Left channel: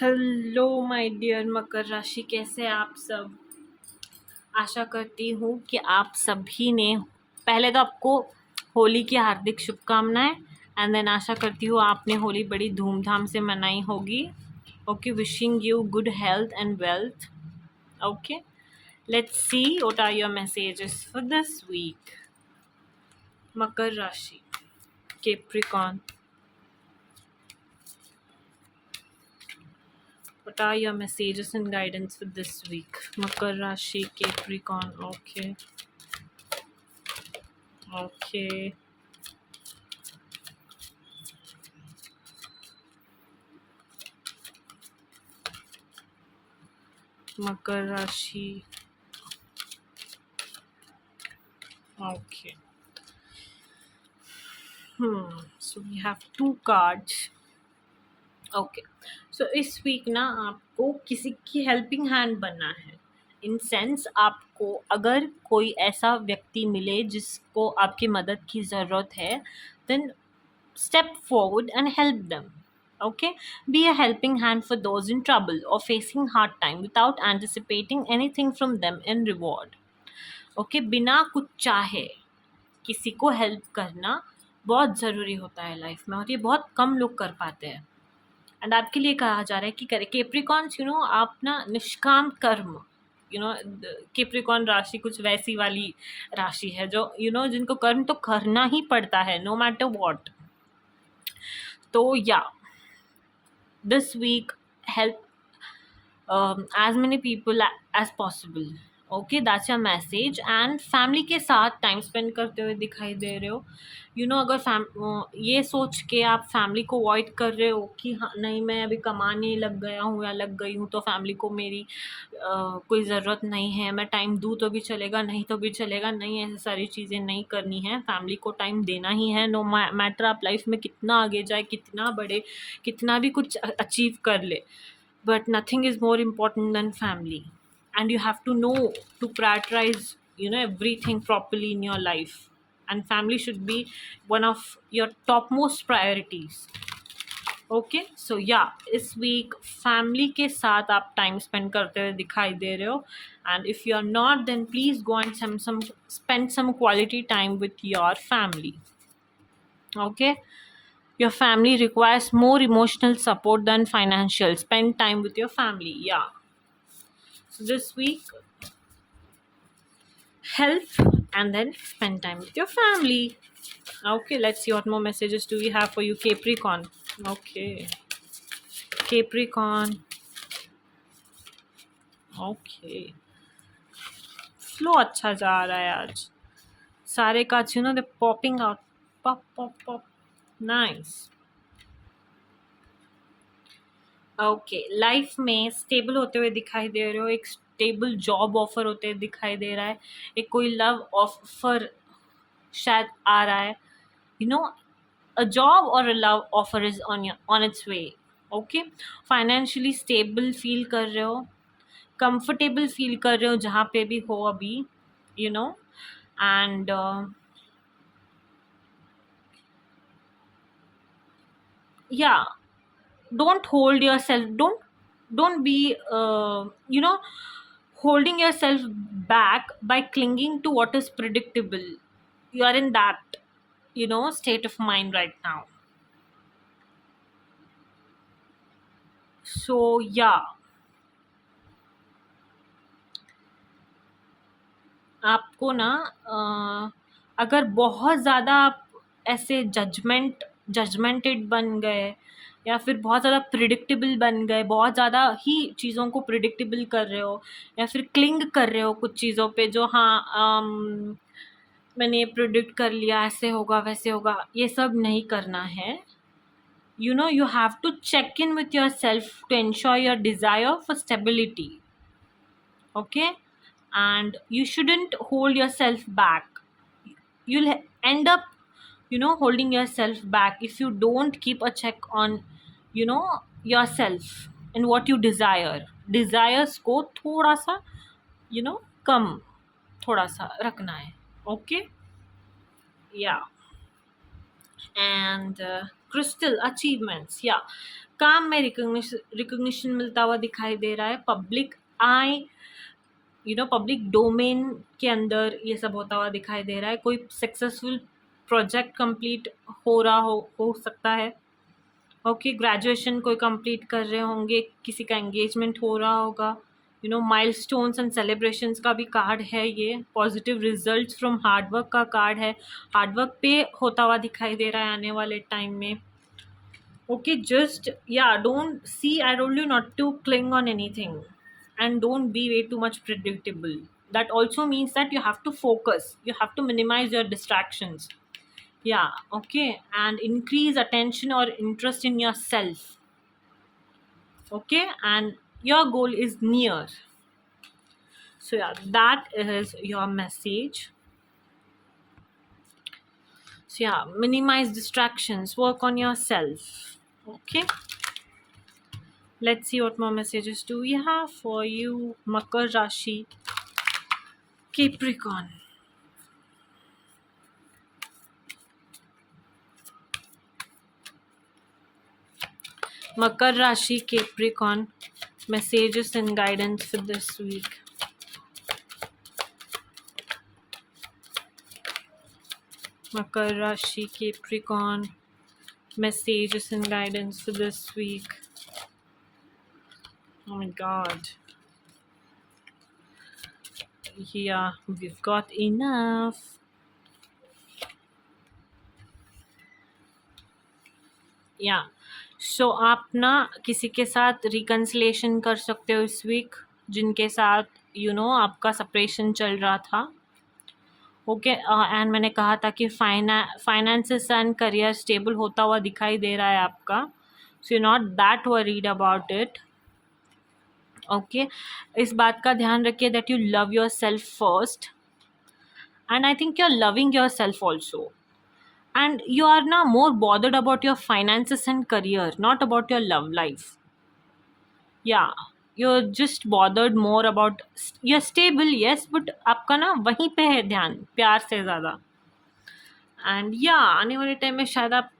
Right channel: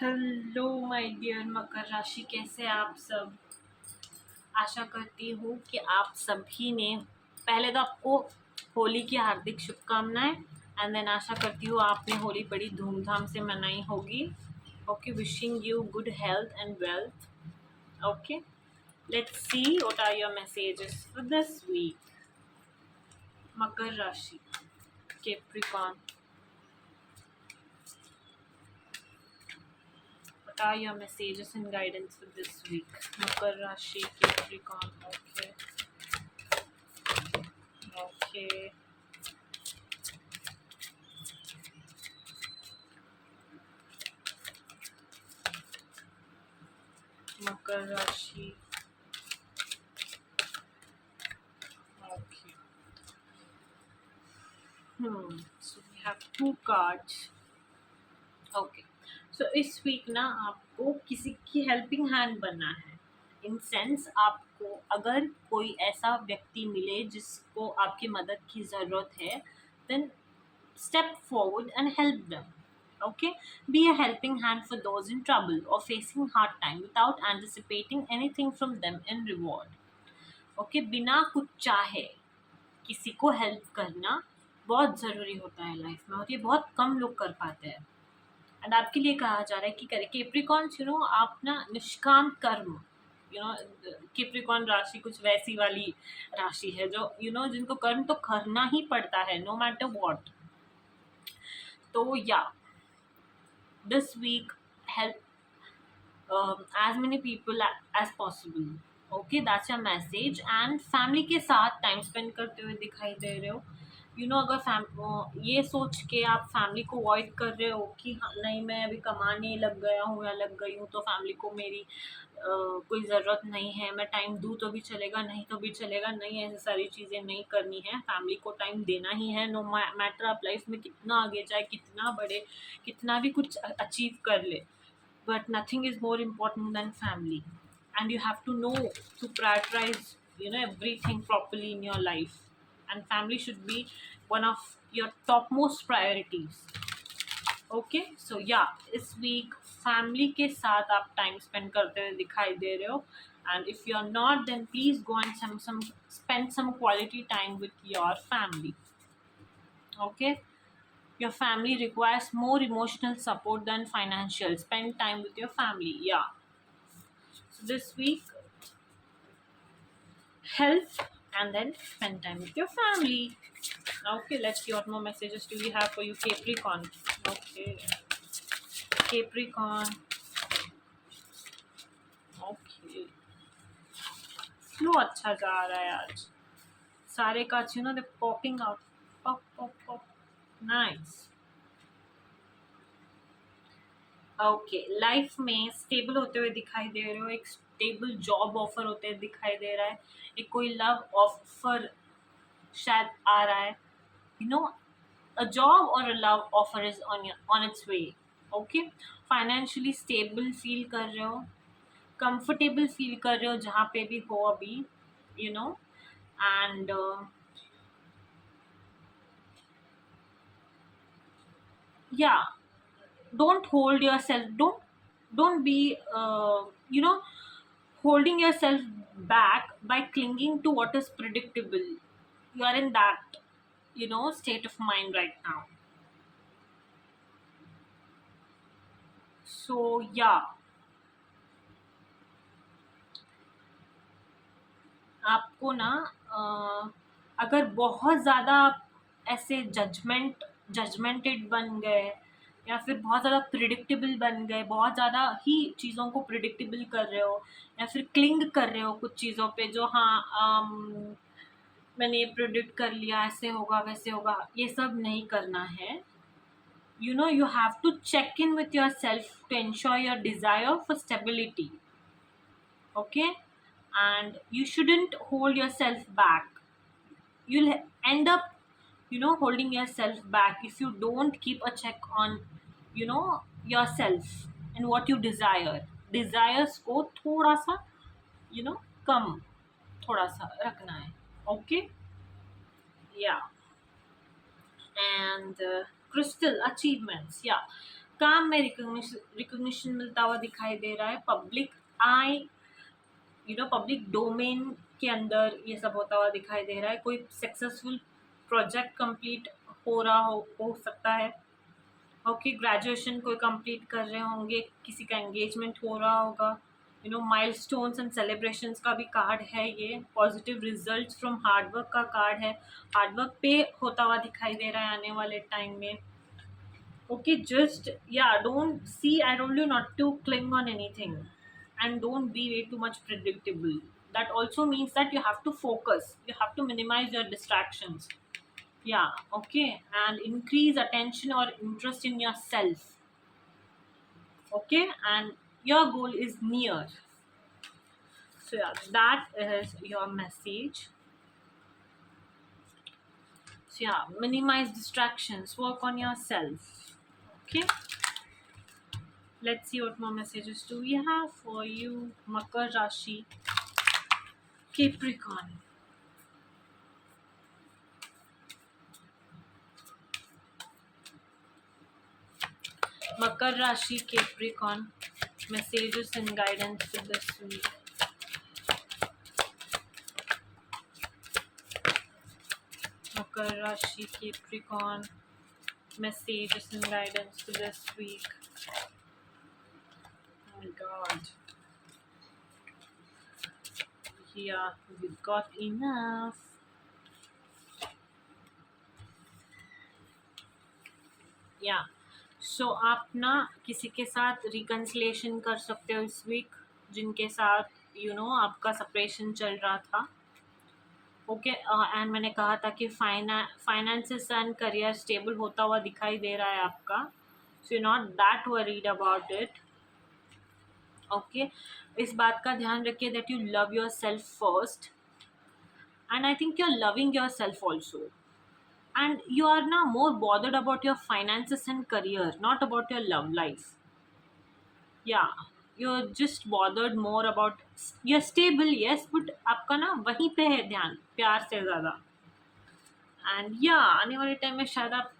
Hello my dear मकर राशि, कैसे हैं आप सब। आशा करती हूँ कि आप सभी ने पहले तो आपको होली की हार्दिक शुभकामनाएं। एंड देन आशा करती हूँ आपने होली बड़ी धूमधाम से मनाई होगी। Okay, wishing you good health and wealth. Okay, let's see what are your messages for this week. Makar Rashi, Capricorn, what are your messages and guidance for this week? Makar Rashi, Capricorn. Okay. Okay. Makar Rashi. Okay. So we have two cards. Okay, so इस week ना आपको किसी की helping hand बनना है। In sense आपको अगर कोई ऐसा व्यक्ति मिले जिसको आपकी मदद की ज़रूरत है, then step forward and help them. Okay, be a helping hand for those in trouble or facing hard time without anticipating anything from them in reward. Okay, बिना कुछ चाहे किसी को हेल्प करना बहुत ज़रूरी होता है लाइफ में, और ये बहुत कम लोग कर पाते हैं। एंड आपके लिए कहा जा रहा है कि करें केप्रिकॉन्स, आप ना निष्काम कर्म, केप्रिकॉन राशि कुछ वैसी वाली राशि है जो जिनको कर्म तो करना ही पड़ता है, नो मैटर वॉट। तो या this week help as many people as possible. Okay, that's your message. And family के साथ टाइम स्पेंड करते हुए दिखाई दे रहे हो। अगर ये सोच के आप फैमिली को अवॉइड कर रहे हो कि हाँ नहीं, मैं अभी कमाने लग गया हूँ या लग गई हूँ तो फैमिली को मेरी कोई ज़रूरत नहीं है, मैं टाइम दूँ तो भी चलेगा, नहीं तो भी चलेगा, नहीं ऐसी सारी चीज़ें नहीं करनी है। फैमिली को टाइम देना ही है, नो मैटर आप लाइफ में कितना आगे जाए, कितना बड़े, कितना भी कुछ अचीव कर ले, but nothing is more important than family. And you have to know to prioritize everything properly in your life, and family should be one of your topmost priorities. Okay, so या इस वीक फैमिली के साथ आप time spend करते हुए दिखाई दे रहे हो। And if you are not, then please go and some spend some quality time with your family. Okay, your family requires more emotional support than financial. Spend time with your family. Yeah, so this week help and then spend time with your family. Okay, let's see what more messages do we have for you, Capricorn. Okay, Capricorn. Okay, flow अच्छा जा रहा है आज। सारे cards they're popping out, pop pop pop, nice. Okay, life में स्टेबल होते हुए दिखाई दे रहे हो, एक स्टेबल जॉब ऑफर होते हुए दिखाई दे रहा है, एक कोई लव ऑफर शायद आ रहा है, यू नो अ जॉब और a love offer is on it's way. Okay, financially stable feel कर रहे हो, कंफर्टेबल फील कर रहे हो जहाँ पे भी हो अभी, यू नो एंड या don't hold yourself, don't be holding yourself back by clinging to what is predictable. You are in that state of mind right now. So yeah, आपको ना अगर बहुत ज़्यादा आप ऐसे जजमेंटेड बन गए, या फिर बहुत ज़्यादा प्रिडिक्टेबल बन गए, बहुत ज़्यादा ही चीज़ों को प्रिडिक्टेबल कर रहे हो, या फिर क्लिंग कर रहे हो कुछ चीज़ों पे जो हाँ मैंने ये प्रिडिक्ट कर लिया, ऐसे होगा वैसे होगा, ये सब नहीं करना है। You have to check in with yourself to ensure your desire for stability. Okay, and you shouldn't hold yourself back. You'll end up holding yourself back if you don't keep a check on yourself and what you desires को थोड़ा सा कम थोड़ा सा रखना है। ओके, या and crystal achievements, yeah, काम में रिकग्निशन मिलता हुआ दिखाई दे रहा है, पब्लिक आई पब्लिक डोमेन के अंदर ये सब होता हुआ दिखाई दे रहा है, कोई सक्सेसफुल प्रोजेक्ट कंप्लीट हो रहा हो सकता है। ओके, ग्रेजुएशन कोई कंप्लीट कर रहे होंगे, किसी का एंगेजमेंट हो रहा होगा, माइलस्टोन्स एंड सेलिब्रेशंस का भी कार्ड है ये। पॉजिटिव रिजल्ट्स फ्रॉम हार्डवर्क का कार्ड है, हार्डवर्क पे होता हुआ दिखाई दे रहा है आने वाले टाइम में। Okay, just don't see, I told you not to cling on anything and don't be way too much predictable. That also means that you have to focus, you have to minimize your distractions. Okay, and increase attention or interest in yourself. Okay, and your goal is near. So that is your message. So minimize distractions, work on yourself. Okay, let's see what more messages do we have for you, Makar Rashi, Capricorn. Makar Rashi, Capricorn, messages and guidance for this week. Makar Rashi, Capricorn, messages and guidance for this week. Oh my God. Yeah, we've got enough. सो आप ना किसी के साथ रिकन्सिलेशन कर सकते हो इस वीक, जिनके साथ आपका सेपरेशन चल रहा था। ओके, एंड मैंने कहा था कि फाइनेंसेस एंड करियर स्टेबल होता हुआ दिखाई दे रहा है आपका, so you not that worried about it. Okay, इस बात का ध्यान रखिए that you love your self first, and I think you are loving your self also, and you are now more bothered about your finances and career, not about your love life. You're just bothered more about, you're stable, yes, but आपका ना वहीं पे है ध्यान, प्यार से ज़्यादा। एंड आने वाले टाइम में शायद आप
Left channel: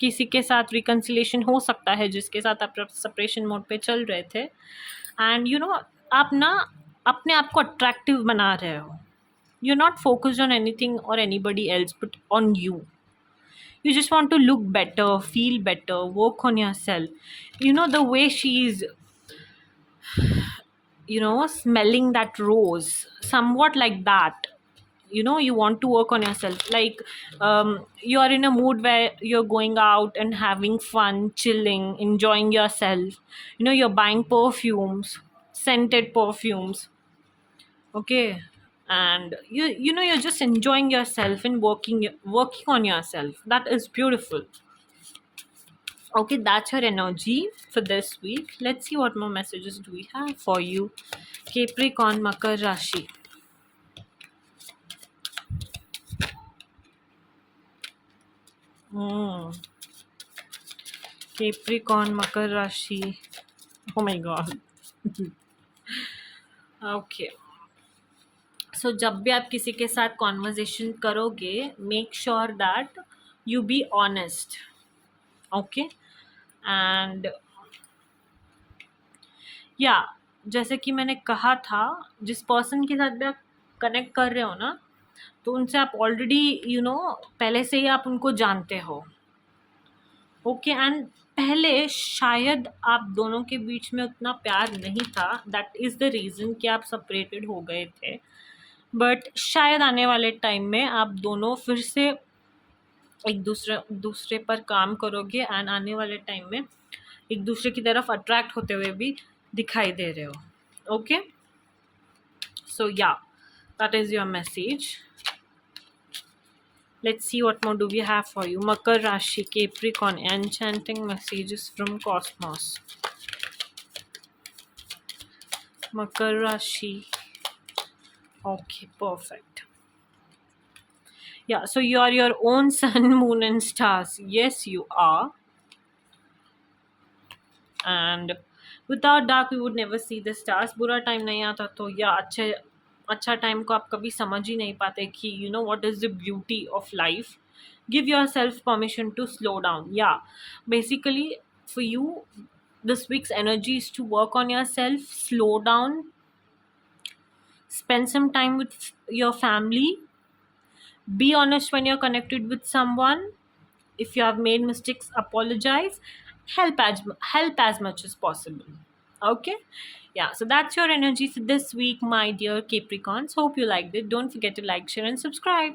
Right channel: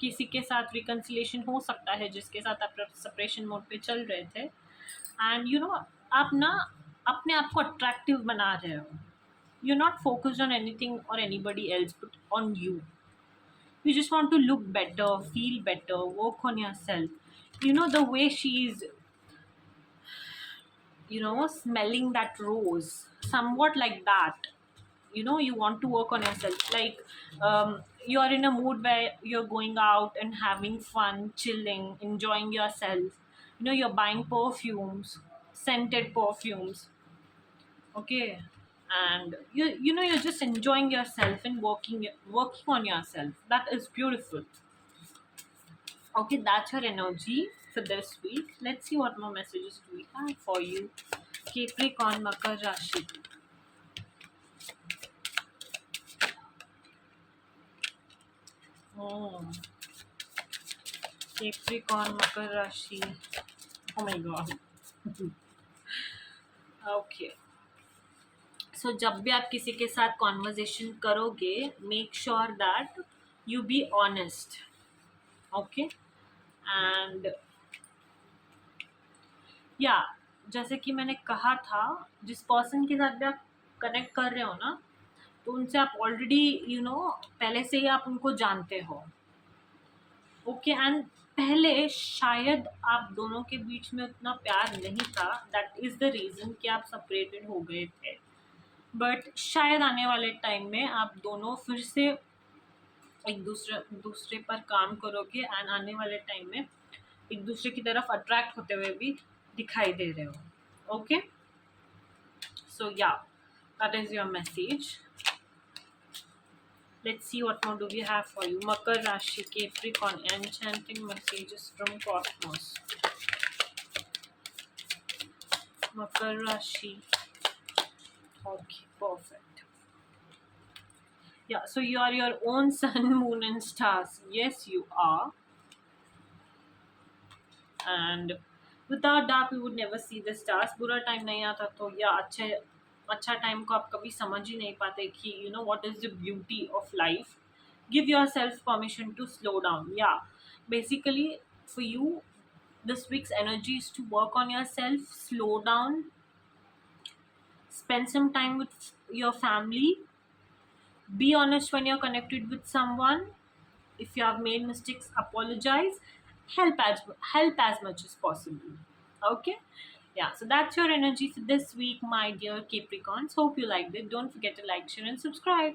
किसी के साथ रिकन्सिलेशन हो सकता है जिसके साथ आप सेपरेशन मोड पे चल रहे थे, एंड आप ना अपने आप को अट्रैक्टिव बना रहे हो। You're not focused on anything or anybody else but on you. You just want to look better, feel better, work on yourself. The way she's smelling that rose, somewhat like that. You want to work on yourself, like you are in a mood where you're going out and having fun, chilling, enjoying yourself. You're buying perfumes, scented perfumes. Okay, and you're just enjoying yourself and working on yourself. That is beautiful. Okay, that's your energy for this week. Let's see what more messages do we have for you, Capricorn, Makar Rashi. Capricorn, Makar Rashi. Oh my God. Okay, सो जब भी आप किसी के साथ कॉन्वर्जेशन करोगे, make sure that you be honest. Okay, and जैसे कि मैंने कहा था, जिस पर्सन के साथ भी आप कनेक्ट कर रहे हो ना, तो उनसे आप ऑलरेडी पहले से ही आप उनको जानते हो। ओके, एंड पहले शायद आप दोनों के बीच में उतना प्यार नहीं था, दैट इज़ द रीज़न कि आप सेपरेटेड हो गए थे। बट शायद आने वाले टाइम में आप दोनों फिर से एक दूसरे पर काम करोगे, एंड आने वाले टाइम में एक दूसरे की तरफ अट्रैक्ट होते हुए भी दिखाई दे रहे हो। Okay, so that is your message. Let's see what more do we have for you, Makar Rashi, Capricorn, enchanting messages from cosmos. Makar Rashi, okay, perfect. So you are your own sun, moon and stars. Yes, you are. And without dark we would never see the stars. बुरा टाइम नहीं आता तो अच्छा टाइम को आप कभी समझ ही नहीं पाते कि what is the beauty of life. Give yourself permission to slow down. Basically for you, this week's energy is to work on yourself, slow down, spend some time with your family, be honest when you're connected with someone. If you have made mistakes, apologize, help as much as possible. Okay, yeah, so that's your energy for this week, my dear Capricorns. Hope you liked it. Don't forget to like, share and subscribe.